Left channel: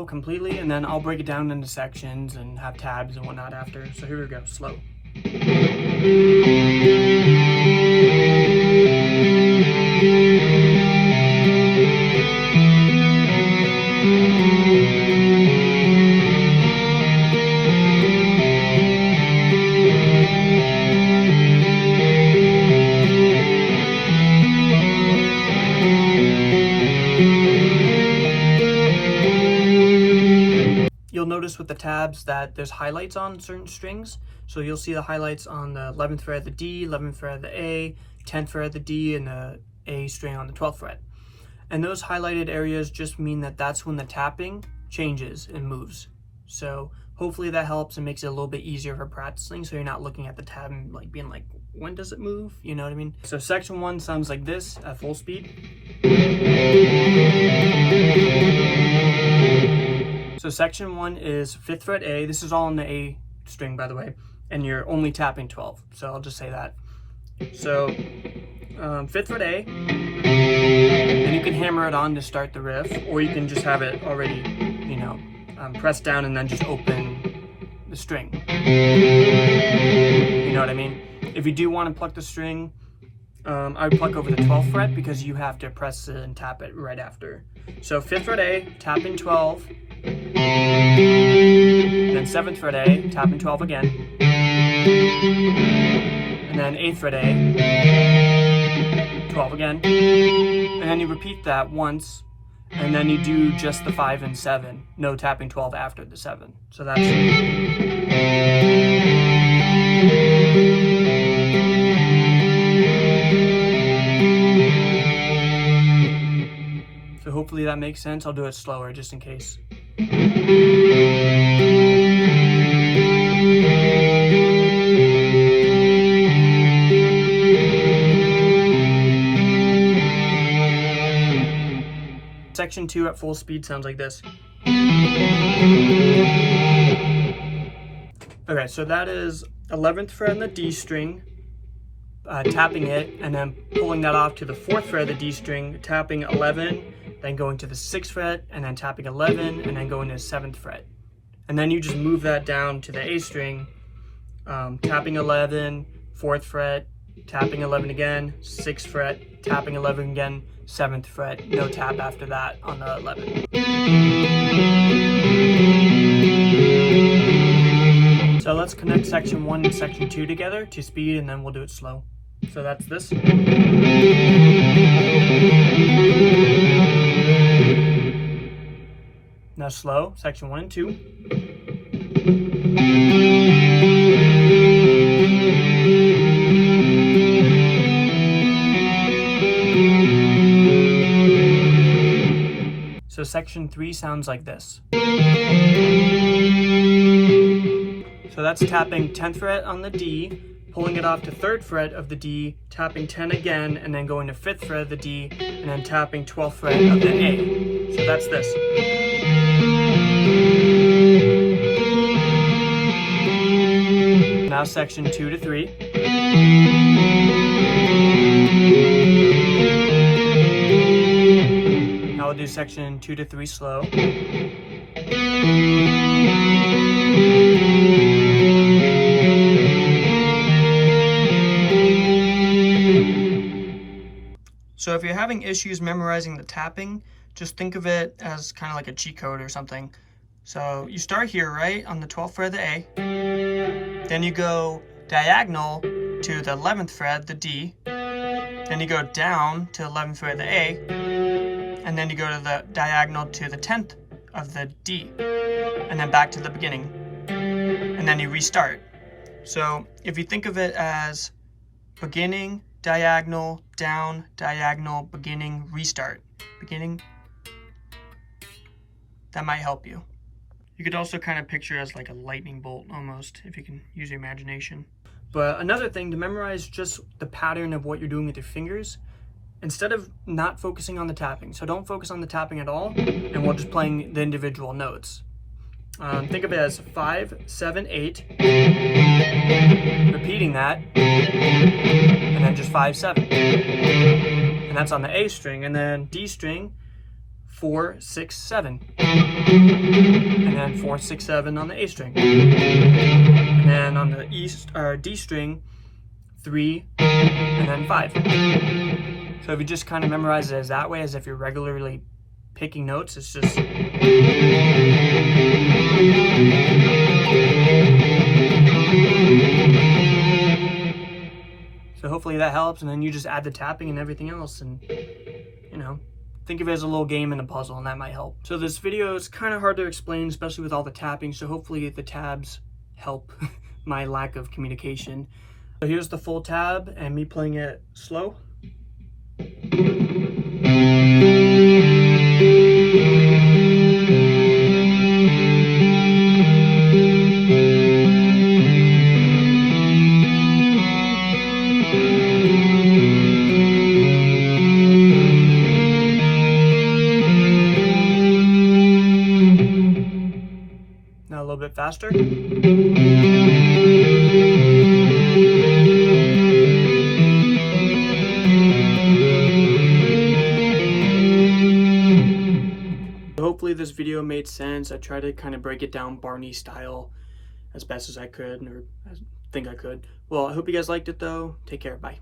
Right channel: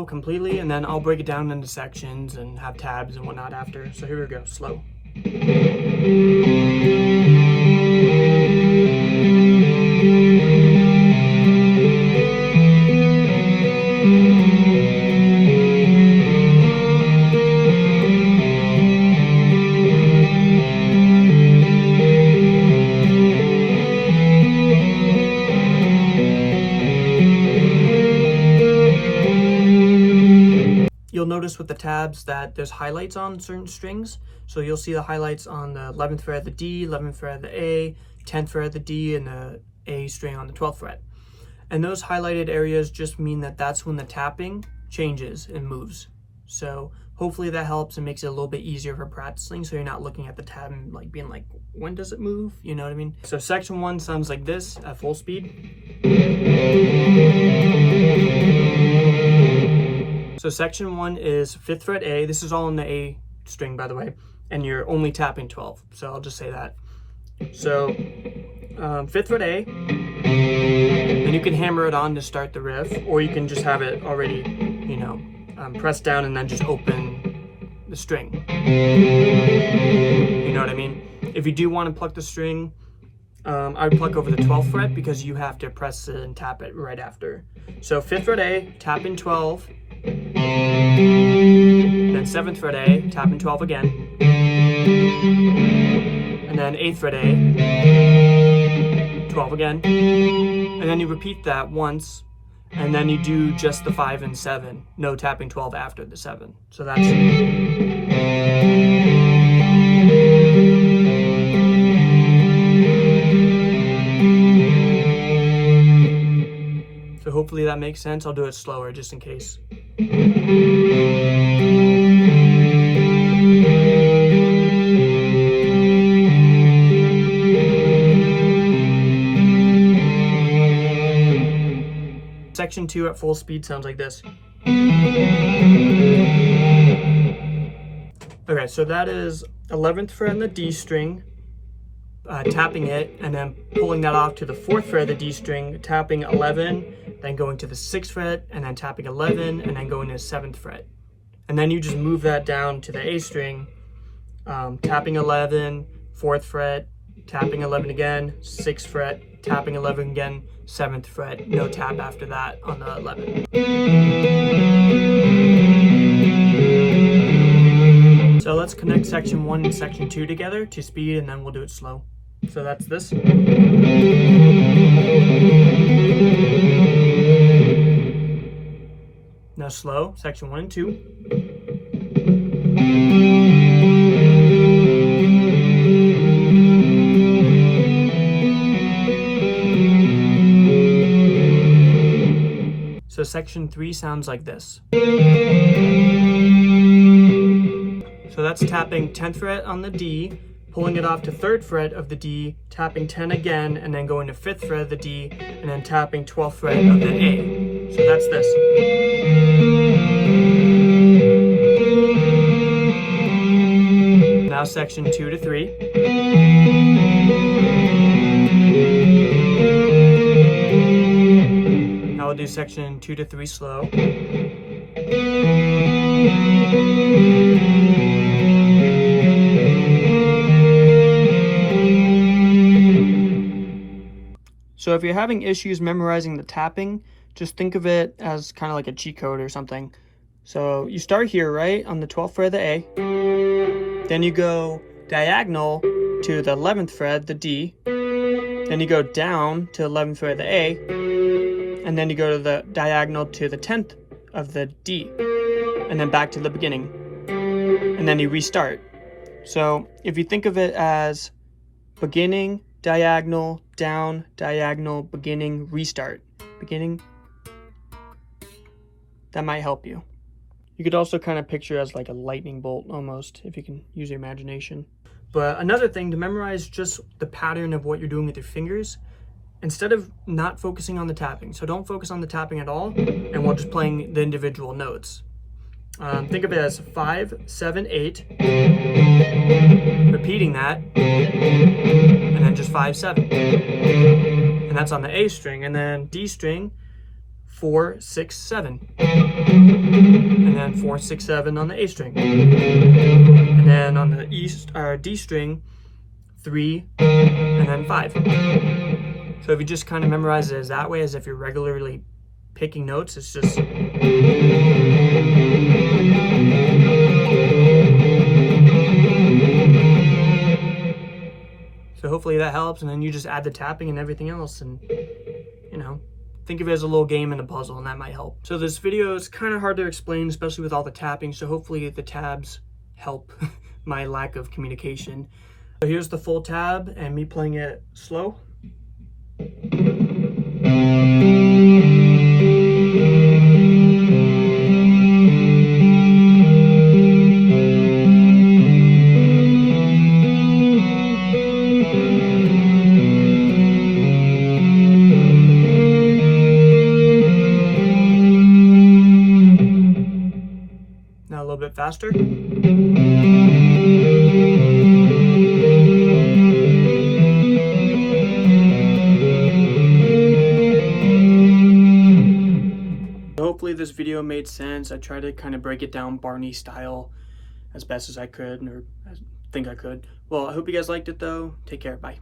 slow completely, and then I'll break it down into sections and have tabs and whatnot after. So here we go, slow. You'll notice with the tabs that there's highlights on certain strings. So you'll see the highlights on the 11th fret of the D, 11th fret of the A, 10th fret of the D, and the A string on the 12th fret. And those highlighted areas just mean that that's when the tapping changes and moves. So hopefully that helps and makes it a little bit easier for practicing, so you're not looking at the tab and like being like, when does it move? You know what I mean? So section 1 sounds like this at full speed. So section 1 is 5th fret A. This is all on the A string, by the way, and you're only tapping 12. So I'll just say that. So 5th fret A, and you can hammer it on to start the riff, or you can just have it already, you know, press down and then just open the string. You know what I mean? If you do want to pluck the string, I would pluck over the 12th fret because you have to press it and tap it right after. So 5th fret A, tapping 12, then 7th fret A, tapping 12 again, and then 8th fret A, 12 again, and then you repeat that once, and then you do just the 5 and 7, no tapping 12 after the 7. So that's... So hopefully that makes sense. I'll do it slower just in case. Section 2 at full speed sounds like this. Okay, so that is 11th fret on the D string, tapping it, and then pulling that off to the 4th fret of the D string, tapping 11, then going to the 6th fret, and then tapping 11, and then going to the 7th fret. And then you just move that down to the A string, tapping 11, 4th fret, tapping 11 again, 6th fret, tapping 11 again, 7th fret, no tap after that on the 11. So let's connect section 1 and section 2 together to speed, and then we'll do it slow. So that's this. Now slow, section 1 and 2. So section 3 sounds like this. So that's tapping 10th fret on the D, pulling it off to 3rd fret of the D, tapping 10 again, and then going to 5th fret of the D, and then tapping 12th fret of the A. So that's this. Now section 2 to 3. Now we'll do section 2 to 3 slow. So if you're having issues memorizing the tapping, just think of it as kind of like a cheat code or something. So you start here, right, on the 12th fret of the A. Then you go diagonal to the 11th fret, the D. Then you go down to 11th fret of the A. And then you go to the diagonal to the 10th of the D. And then back to the beginning. And then you restart. So if you think of it as beginning, diagonal, down, diagonal, beginning, restart. Beginning. That might help you. You could also kind of picture it as like a lightning bolt almost, if you can use your imagination. But another thing, to memorize just the pattern of what you're doing with your fingers, instead of not focusing on the tapping. So don't focus on the tapping at all, and we're just playing the individual notes. Think of it as 5, 7, 8, repeating that, and then just 5, 7. And that's on the A string. And then D string, 4, 6, 7. And then 4, 6, 7 on the A string. And then on the D string, 3, and then 5. So if you just kind of memorize it as that way, as if you're regularly picking notes, it's just... So hopefully that helps, and then you just add the tapping and everything else, and, you know, think of it as a little game and a puzzle, and that might help. So this video is kind of hard to explain, especially with all the tapping, so hopefully the tabs help my lack of communication. So here's the full tab, and me playing it slow. Now a little bit faster. Hopefully this video made sense. I tried to kind of break it down Barney style as best as I could, or I think I could. Well, I hope you guys liked it though. Take care. Bye.